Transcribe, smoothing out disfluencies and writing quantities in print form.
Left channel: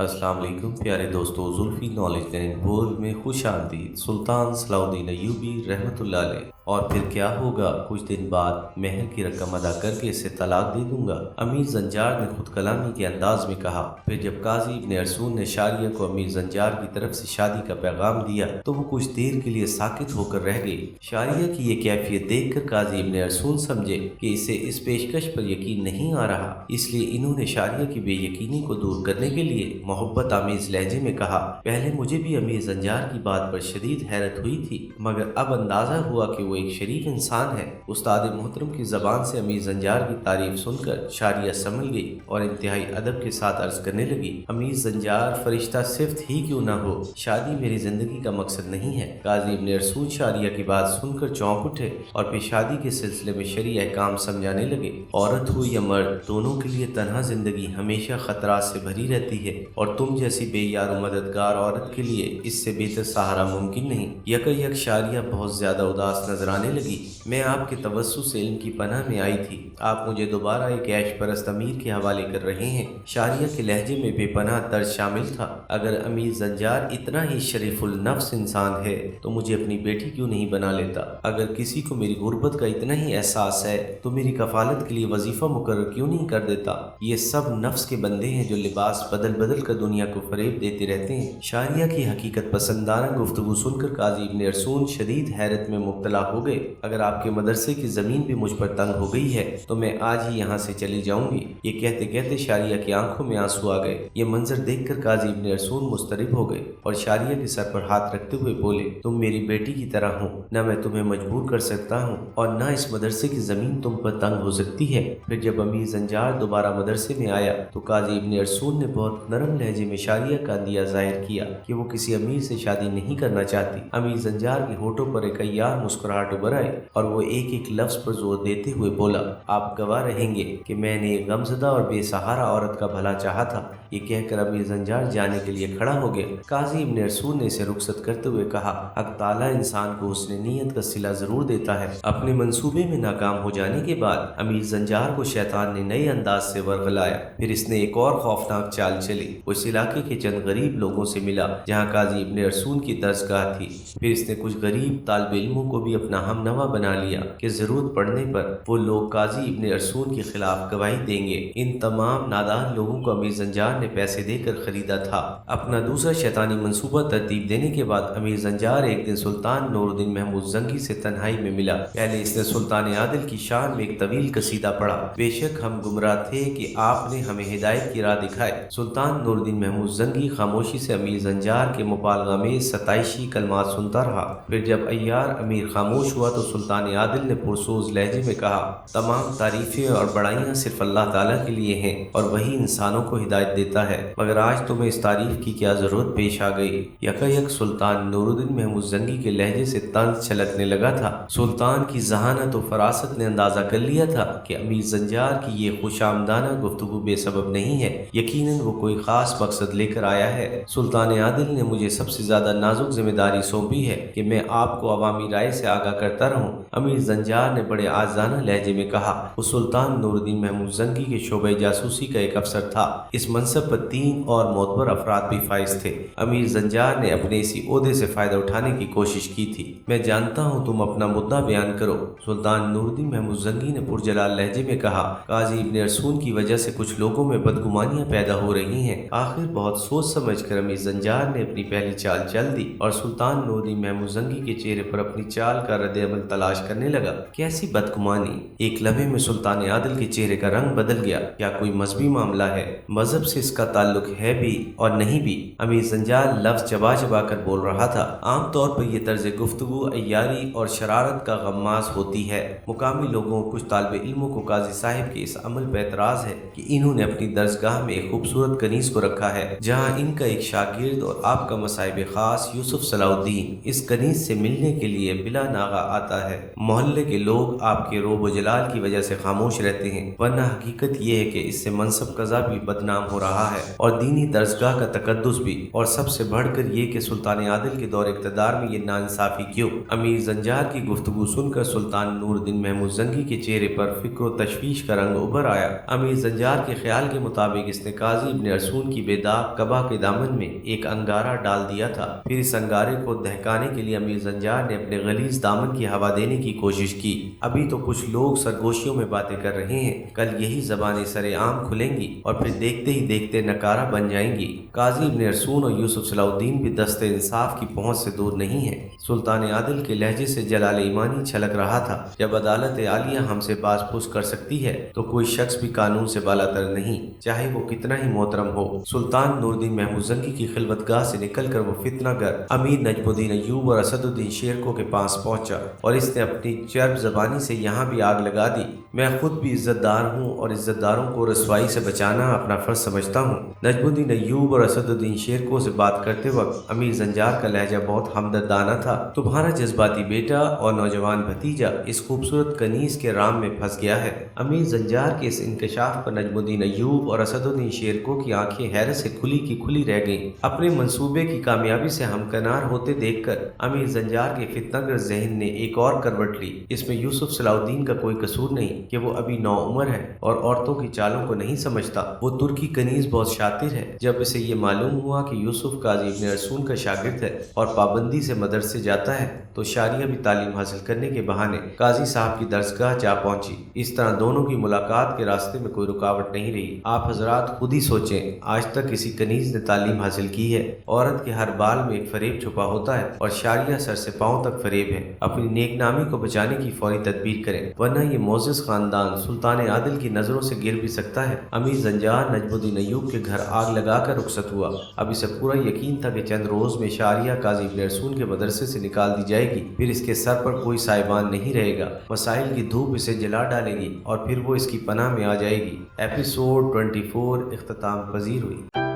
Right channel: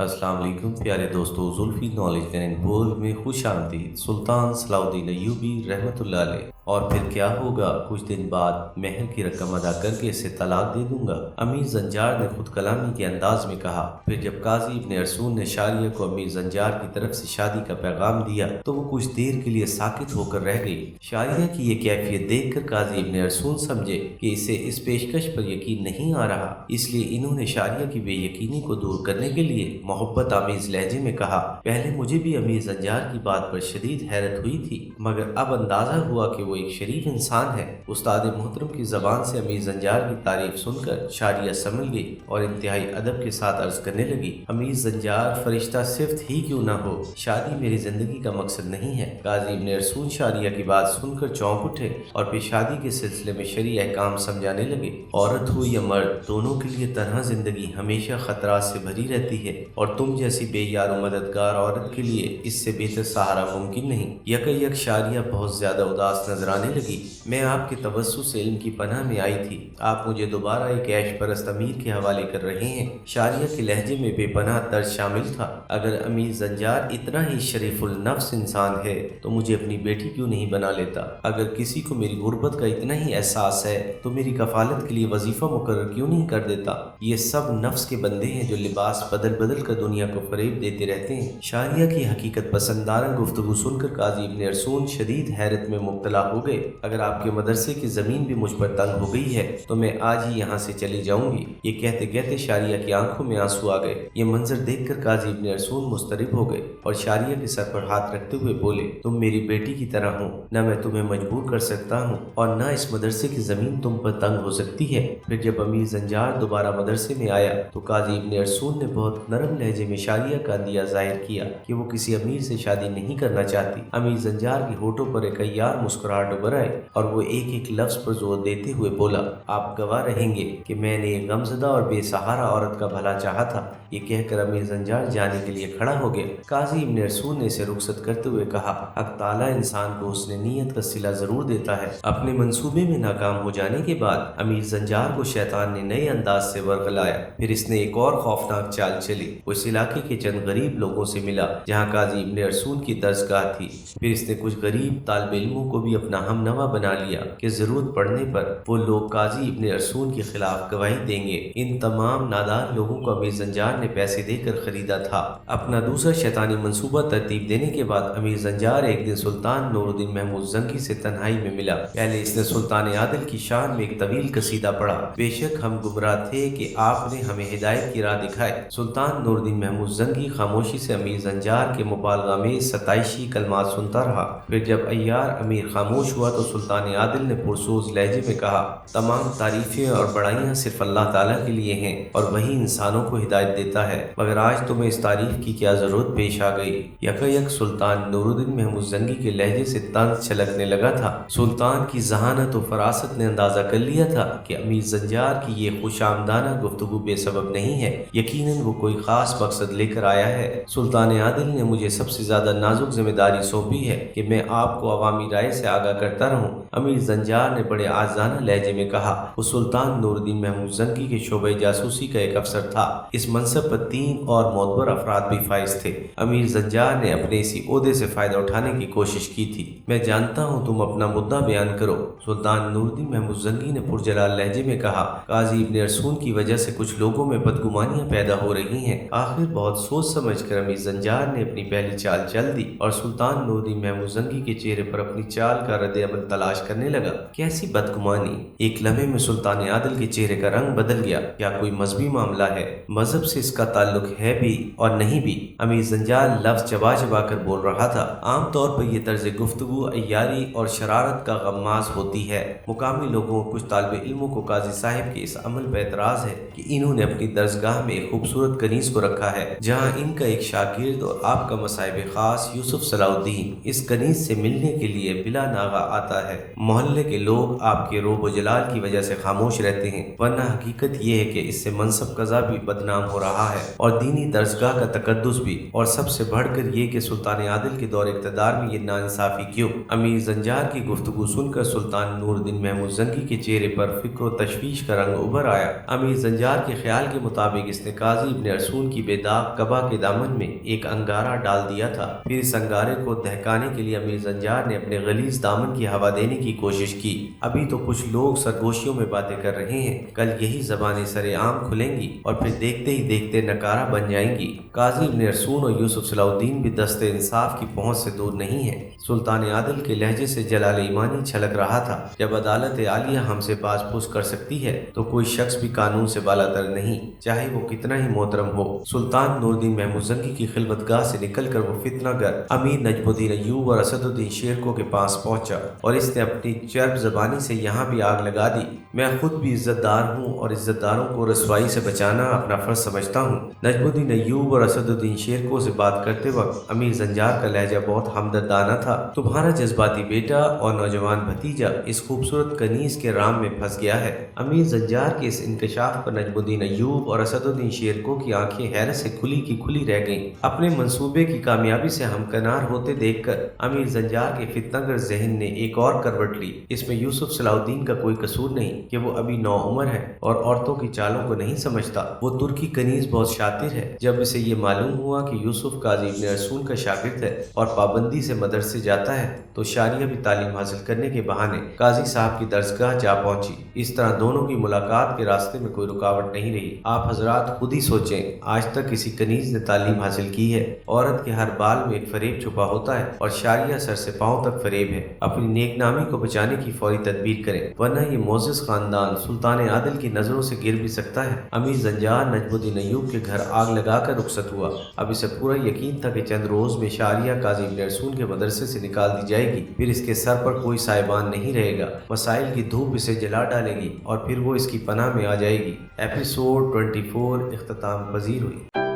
अस्सलाम वालेकुम प्यारे दोस्तों, जुल्फ़ी नॉलेज एंड वर्ल्ड में खुश आमदीद। सुल्तान सलाउद्दीन अय्यूबी रहमतुल्लाह अलैह। और फिर क्या होगा, कुछ दिन बाद महर की रकम अदा करके इसे तलाक दे दूंगा, अमीर जंजार ने खुद कलामी के अंदाज में कहा। फिर जब काजी इब्न अरसून ने शारिया को अमीर जंजार की तरफ से शादी का पैगाम दिया तो वो कुछ देर के लिए साकित होकर रह गई। शारिया की ये कैफियत देखकर काजी इब्न अरसून समझे कि इसे इस पेशकश पर यकीन नहीं आ रहा, इसलिए इन्होंने शारिया की बेयकीनी को दूर करने के लिए मोहब्बत आमीज लहजे में कहा, पहले मुझे भी अमीर जंजार की बात पर शदीद हैरत हुई थी, मगर अब अंदाजा हुआ कि वो एक शरीफ इंसान है। उस्ताद मोहतरम की जबान से अमीर जंजार की तारीफ सुनकर शारिया संभल गई और इंतहाई अदब के साथ अर्ज करने लगी, अमीर जंजार, फरिश्ता सिफ्त ही क्यों ना हो, शादी मेरी जिंदगी का मकसद नहीं है। काजी इब्न अरसून शारिया की बात सुनकर चौंक उठे और फिर शादी के सिलसिले में शरई अहकाम समझाने लगे। औरत हो या मर्द, दोनों के लिए तन्हा जिंदगी हमेशा खतरात से भरी रहती है और तुम जैसी बेयार मददगार औरत के लिए इससे बेहतर सहारा मुमकिन नहीं। यकयक शारिया बहुत ज्यादा उदास नजर आने लगी। मैं आपके तवस्सुस से इल्म की पनाह में आई थी, आप मुझे दोबारा एक ऐश परस्त अमीर के हवाले कर रहे हैं। शारिया के लहजे में बेपनाह दर्द शामिल था। अगर अमीर जंजार इतना ही शरीफुल नफ्स इंसान है तो मुझे अपनी बेटी क्यों नहीं बना लेता? अगर किसी को मेरी गुर्बत का इतना ही एहसास है तो मेरी कफालत के लिए वजीफा मुकर्रर क्यों नहीं कर देता? ये सब नफ्स के बंदे हैं जो लिबास बदल बदल कर दुनिया को फरेब देते रहते हैं। शारिया की हकीकत पसंदाना गुफ्तगू सुनकर काजी इब्न अरसून शदीद हैरत में मुब्तला हो गए। अगर आपके मदरसे की जमीन भी मुझ पर तंग हो गई है तो मैं आज ही यहाँ से चली जाऊंगी। ये कहते कहते शारिया की आंखों में आंसू आ गए। ये मंजर देखकर काजी इब्न अरसून मुस्तरिब हो गए और शारिया के सर पर हाथ रखते हुए बोले, तुम मेरी बेटी की तरह हो, न मैं तुम्हें मजबूर कर सकता हूँ और न इस मदरसे की जमीन तुम पर तंग हो सकती है। फिर जब अमीर जंजार दोबारा मदरसे में आया तो काजी इब्न अरसून ने बहुत नरम लहजे में शारिया का अंदिया जाहिर किया कि वो किसी अमीर से शादी नहीं करना चाहती। अमीर जंजार के होठों पर एक अय्यार मुस्कुराहट उभर आई और वो एक एक लफ्ज पर जोर देते हुए बोला, आप गवाह रहेंगे कि मैंने एक गमजदा और बेसहारा औरत का भला चाहा था। ये कहकर अमीर जंजार जाने के लिए खड़ा हो गया। काजी इब्न अरसून ने इसे रुखसत करते हुए कहा, हक ताला इंसान को उसने नीयत का सिला जरूर देता है। अपने मंसूबे में नाकाम हो जाने के बाद अमीर जंजार को शैतान ने नए अंदाज से वर्गलाया। फिर इसने एक और खौफनाक चाल चली। वो इस इलाके के चंद गरीब लोगों से मिला जहाँ काजी इब्न अरसून की दरसगाह थी। फिर इसने कुछ गरीब तालिब इल्मों को भी अपना हमनवा बना लिया कि जरूरत पड़ने पर वो लोग काजी इब्न अरसून के खिलाफ गवाही देंगे। इन तमाम नादार लोगों को अमीर जंजार ने पैसे देकर खरीदा था। अपना दूसरा शैतानी मंसूबा तरतीब देने के बाद अमीर जंजार एक दिन सुल्तान नूरुद्दीन महमूद जंगी से तन्हाई में मिला। पहले इसने सुल्तान आदिल की शान में एक तवील कसीदा पढ़ा, बेशक हम गुमराह थे कि आपने हमें हिदायत की राह दिखाए। सुल्तान नूरुद्दीन महमूद जंगी खामोशी से अमीर जंजार के मुबालगा में सताइशी कलमात सुनता रहा। फिर जब अय्यार अमीर खामोश हुआ तो सुल्तान आदिल ने पुरसोज लहजे में कहा, तमाम तारीफें और बड़ाइयाँ सिर्फ अल्लाह ताला के लिए हैं और वही इंसानों को हिदायत देता है, मगर आज तुम्हें इस तारीफ की क्या जरूरत पेश आ गई? यकयक सुल्तान नूरुद्दीन महमूद जंगी के लहजे से तंज छलकने लगा था। सुल्तान की जहानत और फरासत ने अंदाजा कर लिया था कि अमीर जंजार की ये खुशामदाना गुफ्तगू बेसबब नहीं है, यकीनन वो कोई खास मकसद लेकर आया है। सुल्तान आदिल ने मुझे सबसे ज्यादा नाजुक जिम्मेदारी सौंपी है कि मैं आपको अवामी राय से आगाह करता रहूं। अमीर जंजार ने बड़े आजाना लहजे में कहा। वो सुल्तान नूरुद्दीन महमूद जंगी के शोबे जासूसी का एक अफसर था। इस मनसब पर 3 और मोतबर अफराद भी फाइज थे। अमीर जंजार ने अपने इसी ओहदे से फायदा उठाने की कोशिश की थी। मैं जानता हूँ, तुम अपना मुद्दा बयान करो। सुल्तान नूरुद्दीन महमूद जंगी ने पुरजलाल लहजे में कहा, काजी इब्न अरसून की वजह से कुछ लोगों में बदगुमानियां पैदा हो रही हैं। आखिर बहुत सोच समझ कर अमीर जंजार ने अपनी पहली चाल चल दी और सुल्तान नूरुद्दीन महमूद जंगी के चेहरे पर अपनी चाल का रद्द अमल तलाश करने लगा। कैसी बदगुमानी! एक लम्हे में सुल्तान आदिल के चेहरे का रंग बदल गया। क्या कोई मजहबी मामला है? मजहब से इसका ताल्लुक है भी और नहीं भी। अमीर जंजार लफ्ज चबा चबा कर बोल रहा था। आमतौर पर यह तर्ज गुफ्तगू अय्यारी और शरारत का गम्माज होती है। मुकामी लोगों और कुछ तालिब इल्मों को काजी साहिब के इस अमल पर एतराज है कि इन्होंने अपनी दरसगाह में एक खूबसूरत कनीज को रखा है जहाँ इनका एक शागिर्द और आपका मसाहिब खास यूसुफ सलाउद्दीन इस कनीज से मिलने के लिए बिला नागा آغا آتا ہے۔ محلے کے لوگ آپ کے روب و جلال کی وجہ سے خاموش رہتے ہیں، ورنہ حقیقت یہ ہے کہ اس سے منصب قضا بھی بدنام ہو رہا ہے اور دینی درسگاہ کا تقدس بھی، اور سب سے بڑھ کر یہ کہ سلطان عادل کے دور اقتدار میں یہ ناانصافی کیوں؟ امیر زنجار کی گفتگو سن کر سلطان نور الدین محمود زنگی کے چہرے پر فکر و تشویش کا رنگ ابھر آیا۔ امیر زنجار کے خیال کے مطابق اس نے قاضی ابن ارسون کی بے داغ قبا کے دامن میں ایک انگارہ ڈال دیا تھا۔ پھر اس انگارے کو دہکانے کے لیے امیر زنجار نے اپنے غلیظ دامن کی ہوا دینے کی کوشش کی۔ ابھی تو کچھ لوگ سرگوشیوں میں باتیں کر رہے ہیں، کل یہی زبانیں سرے عام کھلیں گی اور پھر دیکھتے ہی دیکھتے نکارہ بن جائیں گی۔ قاضی ابن ارسون اور یوسف صلاح الدین بھی دست انصاف کی پہنچ سے دور نہیں ہیں۔ سلطان عادل کے لہجے سے جلال ایمانی چھلک رہا تھا، جب عدالت عالیہ ہم سے باز پوچھ کر سکتی ہے تو کوئی شخص بھی قانون سے بالاتر نہیں، چاہے وہ کتنا ہی محترم ہو۔ سلطان نور الدین محمود زنگی کی خلوتگاہ سے نکل کر وہ فتنہ گر امیر نجم الدین ایوب اور اسد الدین شیرکو کے پاس پہنچا اور اس نے اپنی چرب زبانی سے یہاں بھی آگ لگا دی۔ میں خود بھی عزت دار ہوں اور عزت داروں کو رسوائی سے بچانا اپنا فرض سمجھتا ہوں۔ نجم الدین ایوب اور اسد الدین شیرکو سے بات کرتے وقت امیر زنجار کا لہجہ بہت ہمدردانہ تھا۔ تمہارا جذباتی بیٹا اور نوجوان بھتیجا اس خوبصورت کنیز کے رام میں پھنس گیا ہے۔ امیر زنجار کے اس انکشاف پر نجم الدین ایوب اور اسد الدین شیرکو کی آنکھیں حیرت سے کھلی کی کھلی رہ گئیں۔ اپنے منصوبے کی کامیابی سے ہمکنار ہوتے دیکھ کر امیر زنجار کے فتنہ گر ذہن نے ایک اور کروٹ لی۔ اس میں یوسف صلاح الدین کا کوئی قصور نہیں کہ وہ ابھی نوعمر ہے اور عورتوں کی چالوں کو نہیں سمجھتا۔ وہ ترکی کنیز بہت شاطر ہے۔ جب اسے یہ معلوم ہوا کہ یوسف قاضی ابن ارسون کا شاگرد ہے اور پابندی سے مدرسے جاتا ہے تو شاریہ بھی تعلیم حاصل کرنے کے بہانے قاضی صاحب کی درسگاہ جا پہنچی۔ اس طرح دونوں کی ملاقات کے راستے میں کوئی رکاوٹ نہیں رہی۔ آپ حضرات خود ہی سوچیں، آج تک کسی کنیز نے تعلیم حاصل کی ہے؟ عورت کے ہر بال میں ایک فریب چھپا ہوتا ہے اور شاریہ سر سے پاؤں تک فریب ہے۔ اپنی نیک نامی کو بچانے کی فوری تدبیر کریں، ورنہ یہ معزز خاندان سلطان عادل کی نظروں سے گر بھی سکتا ہے۔ امیر زنجار نجم الدین ایوب کے گھر آگ لگا کر رخصت ہوا۔ اب اسے پورا یقین تھا کہ چند روز میں شاریہ قاضی ابن ارسون کے مدرسے سے نکال دی جائے گی، پھر اس کے سر پر کوئی سائبان نہیں رہے گا، مسائل کی دھوپ اسے جلا ڈالے گی اور پھر وہ اس کی پناہ میں آ جائے گی۔ ایپیسوڈ 24 اختتام پذیر ہوئی۔